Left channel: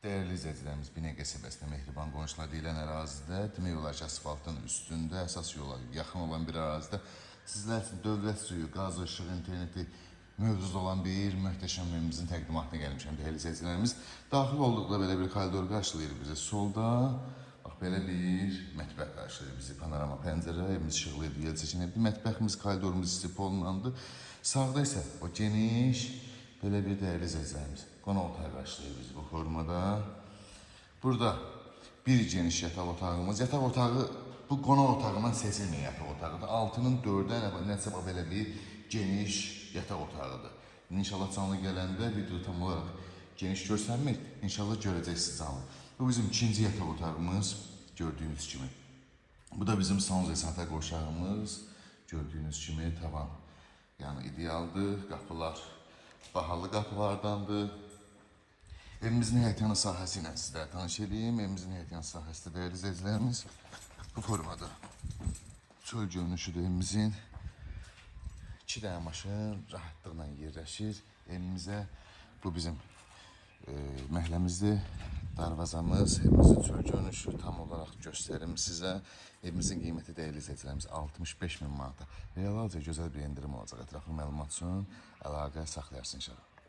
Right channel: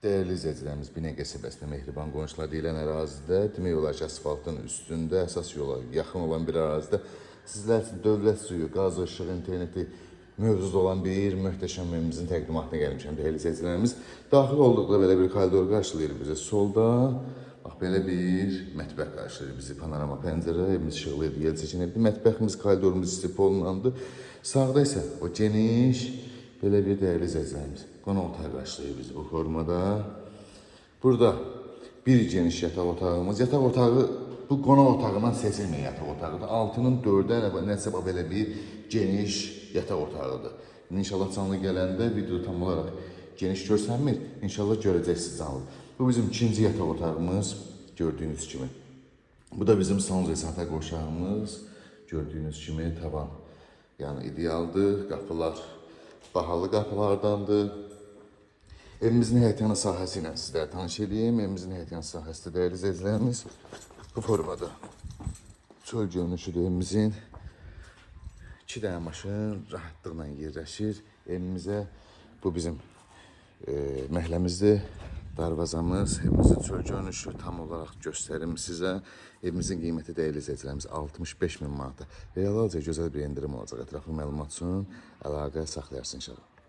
Değerli izləyicilərimiz, Binə qəsəbəsində Mehriban qonşular deyilən ərazidə, demək olar ki, asfaltın üstündə, əsas yola yaxın olan bir ərazidə sizlər üçün dövlət suyu, qaz, işıq, interneti mövcud olan bir möhtəşəm evimizin təqdimatına gəlmişəm. Değerli izləyicilərimiz, daxil olduqda belə bir koridor qarşılayır bizi. Solda bax belə bir mətbəx qarşılayır bizi. Panorama pəncərə, evimiz işıqlıydı, yel seçenekli. Mətbəximiz, koridorumuz istif olunandı. Sağda isə o geniş belə bir değerli izləyicilərimiz. Qonaq otağı qarşılayır bizi bu formada. Burada bir geniş yataq otağımız. Yataq otağı bu qonaq otağından seçilməyən yataq otağıdır. Altının dördü nəsə belə bir geniş yataq otağıdır. İnşallah canlı gələndə video tam olaraq geniş görsənmir. İnşallah görəcəksiniz canlı. Bu bizim ikinci yataq otağımız gördüğünüz kimi. Bu da bizim salon zesafət qoşağımız. Gördüğünüz kimi tavan. Yani idealdır. Qapılar bahalı qapılardandır. Evimizin həyətyanı sahəsi ilə sizlərə tanış edeyim. Evimizin həyətyanı sahəsi də değerli izləyicilərimiz bu formada. Çöl görünüşüdür evimizin. 2 dənə maşın rahatlıqla yerləşir. Evimizə bu bizim məhəlləmizdir. Darvazamız, evimizin çöl görünüşü tam olaraq göstərim sizə. Evimizin qiyməti değerli izləyicilərimiz 65.000 manata. Realca gözəl bir endirim olacaq. Ətraflı məlumat üçün əlaqə saxlayarsınız inşallah.